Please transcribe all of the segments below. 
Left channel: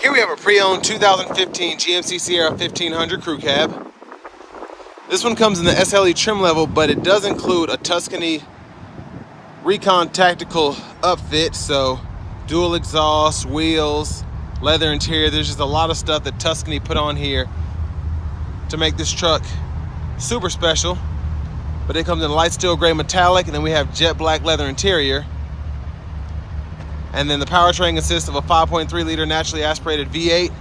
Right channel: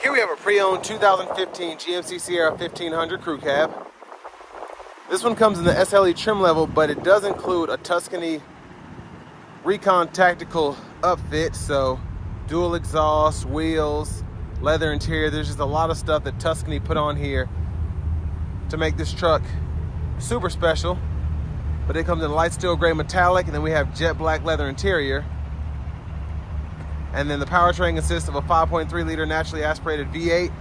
Here we have a pre-owned 2015 GMC Sierra 1500 crew cab. This one comes in the SLE trim level, but it does include a Tuscany Recon tactical upfit, so dual exhaust, wheels, leather interior. There's just a lot of stuff that Tuscany put on here to make this truck super special. But it comes in light steel gray metallic, and then we have jet black leather interior. And then the powertrain consists of a 5.3 liter naturally aspirated V8,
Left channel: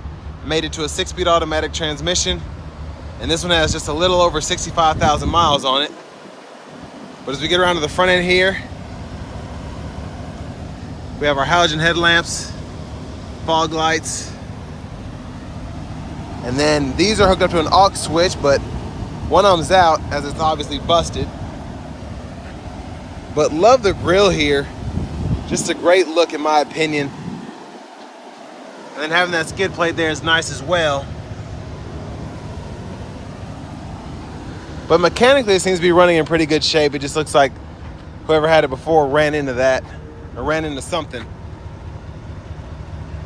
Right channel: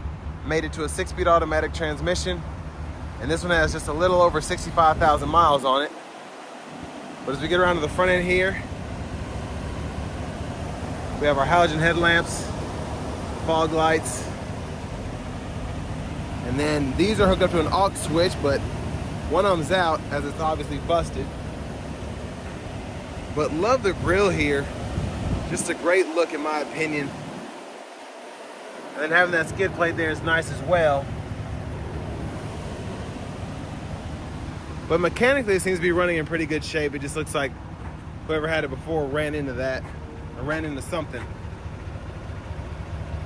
mated to a 6-speed automatic transmission. And this one has just a little over 65,000 miles on it. But as we get around to the front end here, we have our halogen headlamps, fog lights, and then these are hooked up to an aux switch, but one of them's out as it's obviously busted. But love the grille here. Just a great look in my opinion. And then having that skid plate there is nice as well. But mechanically it seems to be running in pretty good shape. It just looks like whoever had it before ran into that, or ran into something.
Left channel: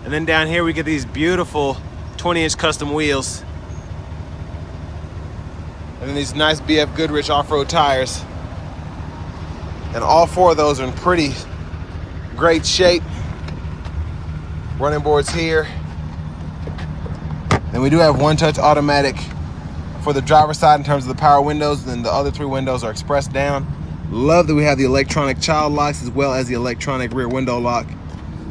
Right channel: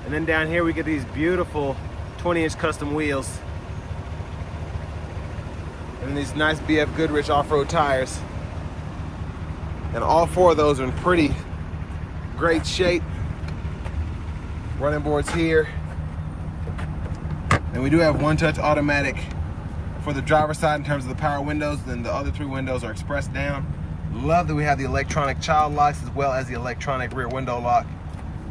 And then down here we get these beautiful 20-inch custom wheels. And then these nice BF Goodrich off-road tires. And all four of those are in pretty great shape. Running boards here. And we do have one-touch automatic for the driver's side in terms of the power windows, and then the other 3 windows are expressed down. Love that we have the electronic child locks as well as the electronic rear window lock.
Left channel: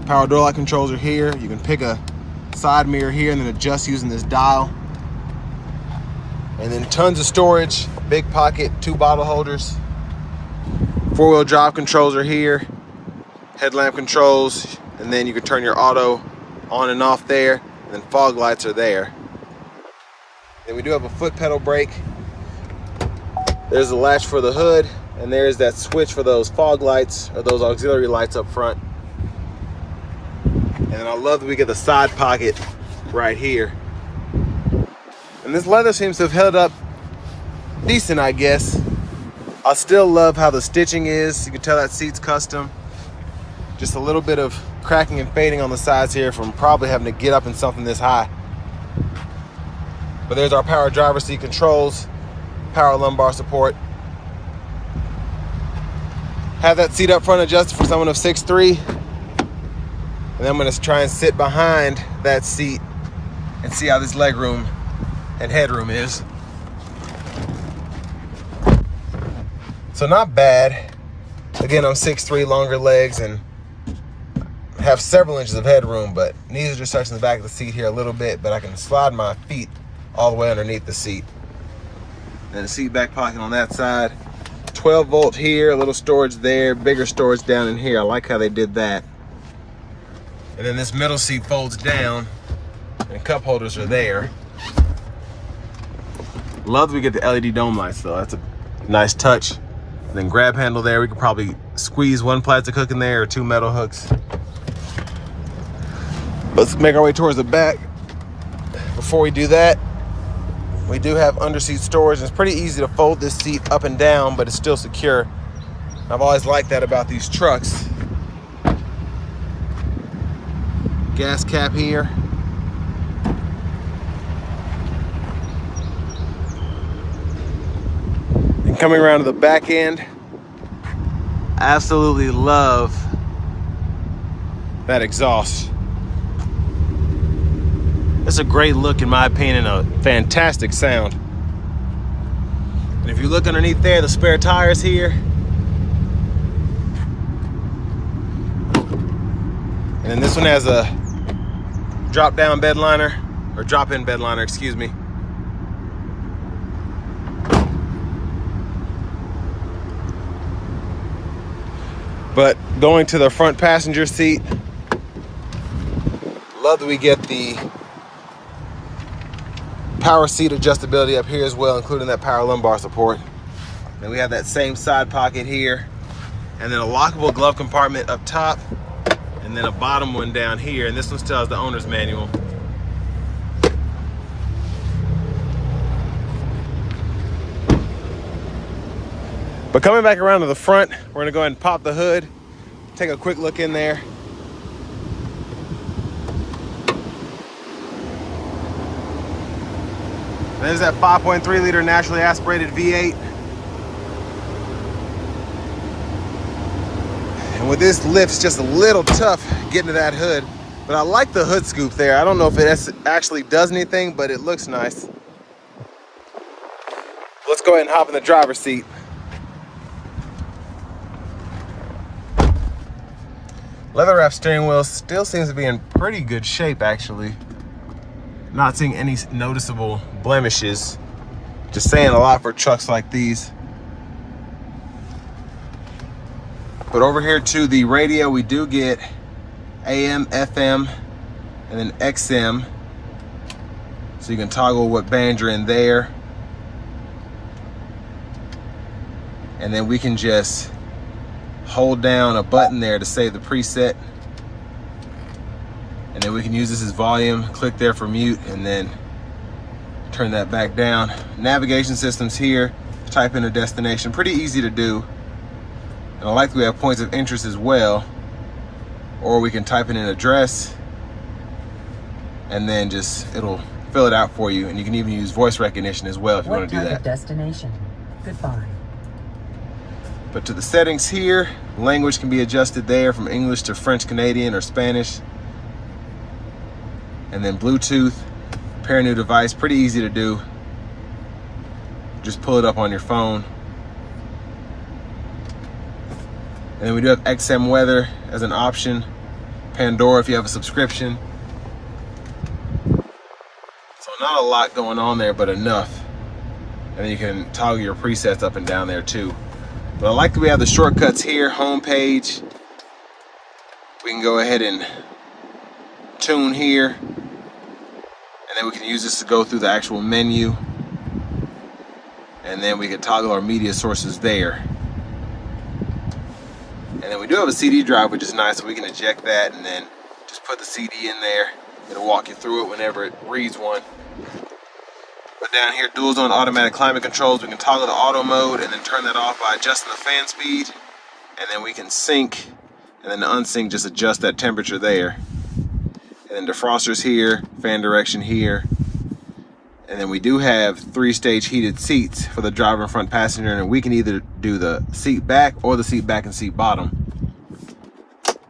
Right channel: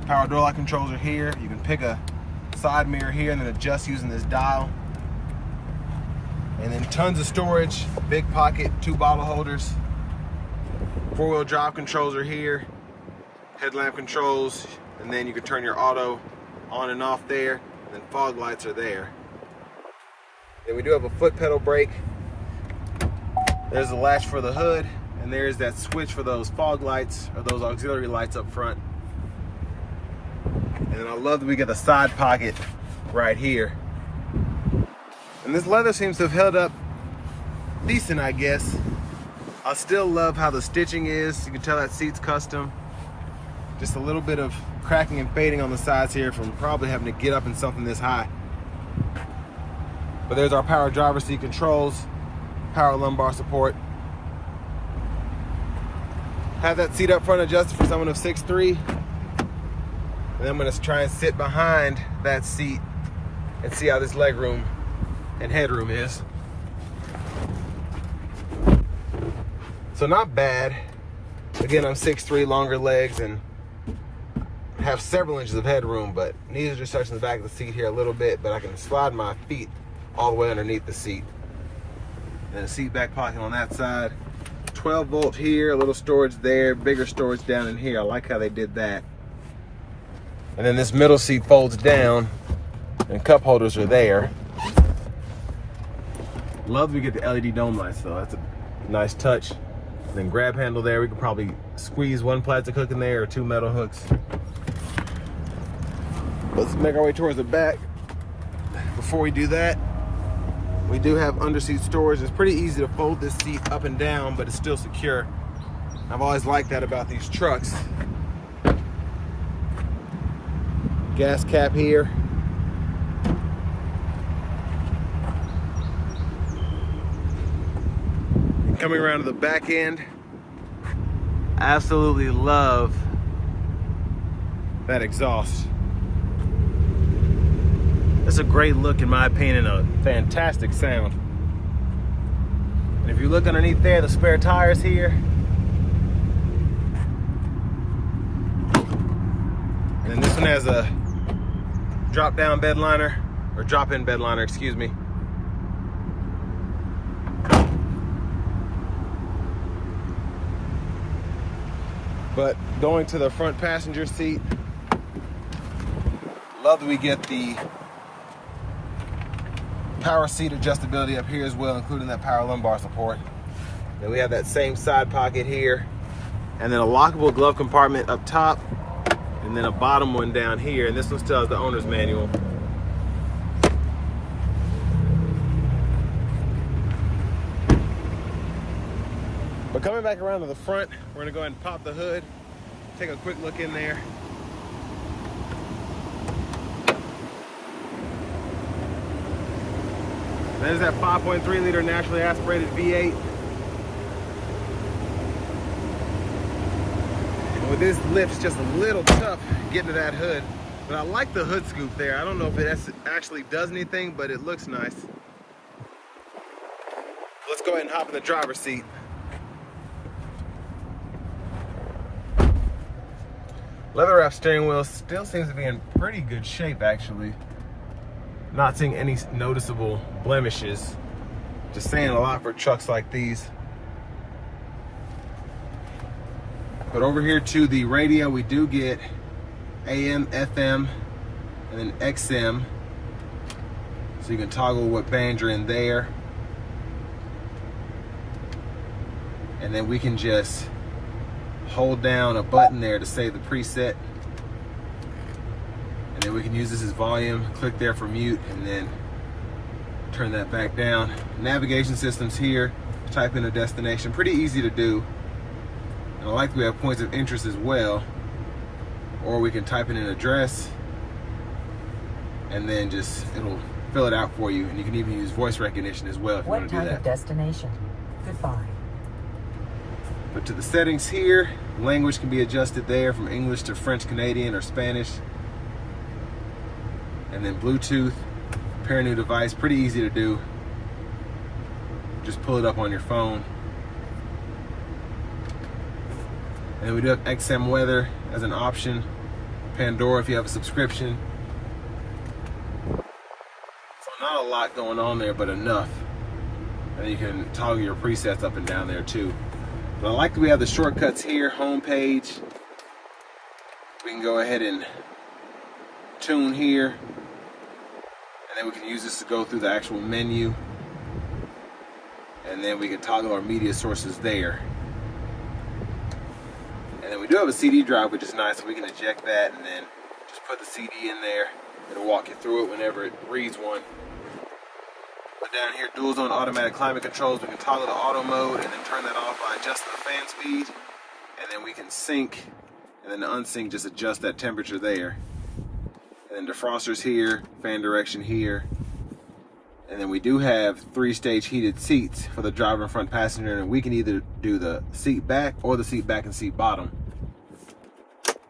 Power door lock controls are here. You can pick a side mirror here and then adjust using this dial. And then tons of storage, big pocket, 2 bottle holders. 4-wheel drive controls are here. Headlamp controls, and then you can turn your auto on and off there, and then fog lights are there. Then we do have a foot pedal brake. There's a latch for the hood, and there's that switch for those fog lights or those auxiliary lights up front. And then I love that we get the side pocket right here. And this leather seems to have held up decent, I guess. I still love how the stitching is. You can tell that seat's custom. Just a little bit of cracking and fading on the sides here from probably having to get up in something this high. But there's our power driver's seat controls, power lumbar support. Have that seat up front adjusted for someone of 6'3". And I'm gonna try and sit behind that seat and see how this leg room and headroom is. So not bad. Again, I'm 6'3", longer legs, and have several inches of headroom, but knees are just touching the back of the seat here a little bit, but I can slide my feet all the way underneath the seat. And the seat back pocket on that side. 12 volt here, a little storage there, bigger storage down in here. I like how they did that. And then this middle seat folds down, and cup holders are there. Love that we get the LED dome lights though. That's a nice touch. And then grab handle there. We could probably squeeze 1 plastic hook in there or 2 metal hooks. Let's make our way towards the back. Before we do that, we do have underseat storage. It's pretty easy to fold this seat up and down, but it's still secure. I've always liked that about these trucks. Gas cap here. And coming around to the back end, absolutely love that exhaust. It's a great look in my opinion, a fantastic sound. And if you look underneath there, the spare tires here. And then this one has a drop-down bed liner, or drop-in bed liner, excuse me. But going to the front passenger seat, love that we get the power seat adjustability up here as well, including that power lumbar support. Then we have that same side pocket here, and then a lockable glove compartment up top, and then a bottom one down here, and this one still has the owner's manual. But coming back around to the front, we're gonna go ahead and pop the hood, take a quick look in there. There's that 5.3 liter naturally aspirated V8. And with this lift, it's just a little tough getting to that hood. But I like the hood scoop there. I don't know if it actually does anything, but it looks nice. Let's go ahead and hop in the driver's seat. Leather wrap steering wheel still seems to be in pretty good shape, actually. Not seeing any noticeable blemishes. Just saying a lot for trucks like these. But over here to the radio, we do get AM, FM, and then XM. So you can toggle what band you're in there. And then we can just hold down a button there to save the preset. And then we can use this as volume, click there for mute, and then turn that back down. Navigation systems here, type in a destination, pretty easy to do. And I like that we have points of interest as well. Or we can type in an address, and then it'll fill it out for you. And you can even use voice recognition as well if you want to do that. Destination. Goodbye. But to the settings here, language can be adjusted there from English to French, Canadian, or Spanish. And then Bluetooth, pair a new device, pretty easy to do. Just pull it up on your phone. And then we do have XM weather as an option. Pandora if you have a subscription. So not a lot going on there, but enough. And then you can toggle your presets up and down there too. But I like that we have the shortcuts here, home page. We can go ahead and tune here. And then we can use this to go through the actual menu. And then we can toggle our media sources there. And then we do have a CD drive, which is nice, so we can eject that and then just put the CD in there. It'll walk you through it whenever it reads one. But down here, dual zone automatic climate controls. We can toggle the auto mode and then turn that off by adjusting the fan speed. And then we can sync, and then the unsync, just adjust that temperature there. And then defrosters here, fan direction here. And then we do have 3-stage heated seats for the driver and front passenger, and we can either do the seat back or the seat back and seat bottom.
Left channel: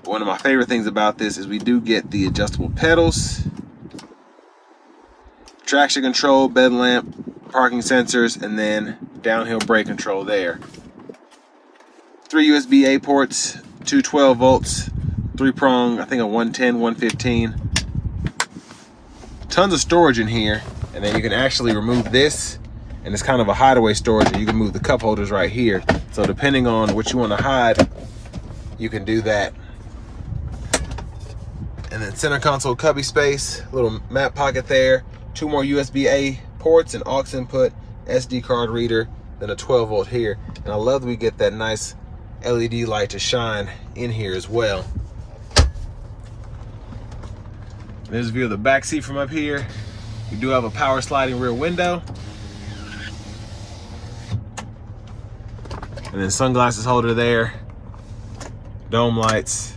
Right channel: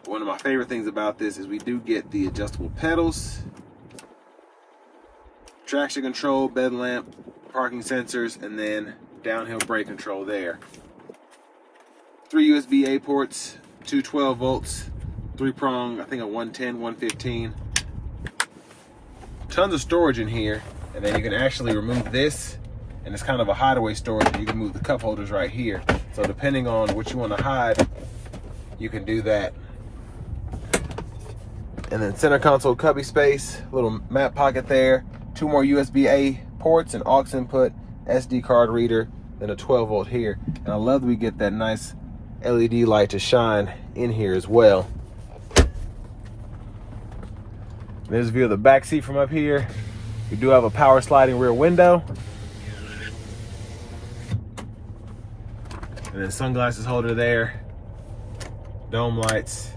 One of my favorite things about this is we do get the adjustable pedals, traction control, bed lamp, parking sensors, and then downhill brake control there. 3 USB-A ports, 2 12 volts, 3-prong, I think a 110, 115. Tons of storage in here. And then you can actually remove this, and it's kind of a hideaway storage, and you can move the cup holders right here. So depending on what you want to hide, you can do that. And then center console cubby space, little map pocket there, 2 more USB-A ports, and aux input, SD card reader, then a 12 volt here. And I love that we get that nice LED light to shine in here as well. There's a view of the back seat from up here. We do have a power sliding rear window. And then sunglasses holder there, dome lights,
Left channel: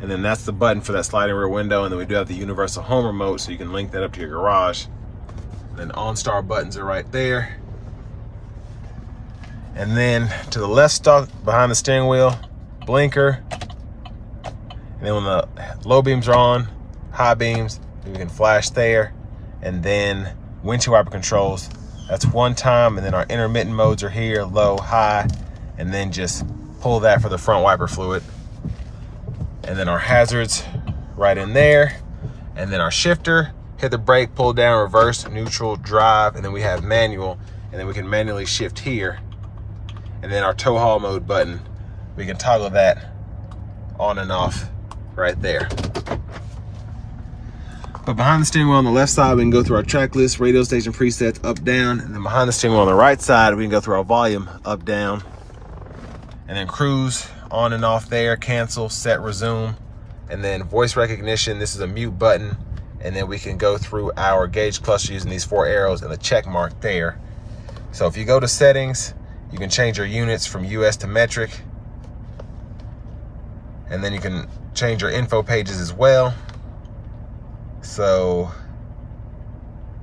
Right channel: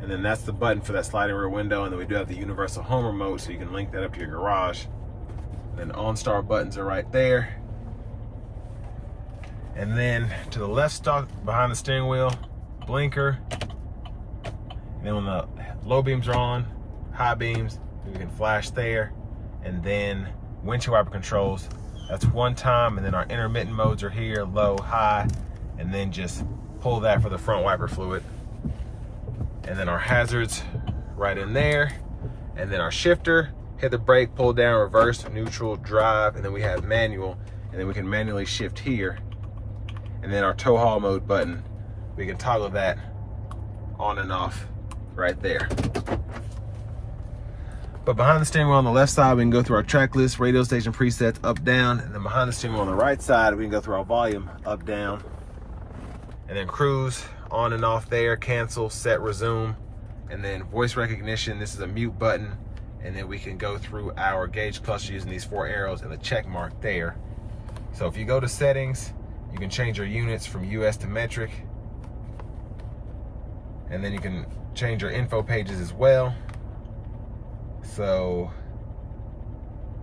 and then that's the button for that sliding rear window. And then we do have the universal home remote, so you can link that up to your garage. And then OnStar buttons are right there. And then to the left stalk behind the steering wheel, blinker. And then when the low beams are on, high beams, you can flash there. And then windshield wiper controls, that's 1 time, and then our intermittent modes are here, low, high, and then just pull that for the front wiper fluid. And then our hazards right in there, and then our shifter, hit the brake, pull down, reverse, neutral, drive, and then we have manual, and then we can manually shift here. And then our tow haul mode button, we can toggle that on and off right there. But behind the steering wheel on the left side, we can go through our track list, radio station presets, up, down. And then behind the steering wheel on the right side, we can go through our volume, up, down. And then cruise, on and off there, cancel, set, resume. And then voice recognition, this is a mute button. And then we can go through our gauge cluster using these 4 arrows and the check mark there. So if you go to settings, you can change your units from US to metric. And then you can change your info pages as well. So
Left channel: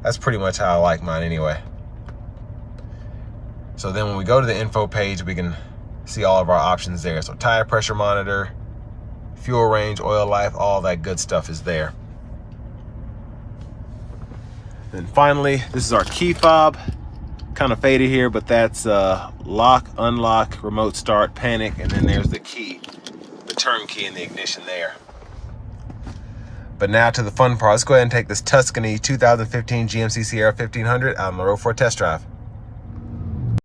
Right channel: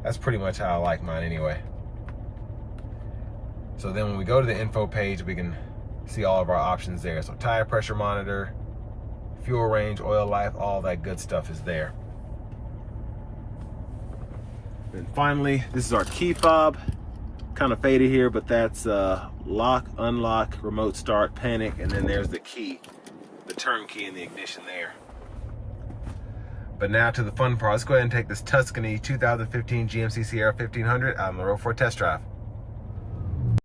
That's pretty much how I like mine anyway. So then when we go to the info page, we can see all of our options there. So tire pressure monitor, fuel range, oil life, all that good stuff is there. And finally, this is our key fob. Kind of faded here, but that's lock, unlock, remote start, panic, and then there's the key, the turn key in the ignition there. But now to the fun part. Let's go ahead and take this Tuscany 2015 GMC Sierra 1500 out on the road for a test drive.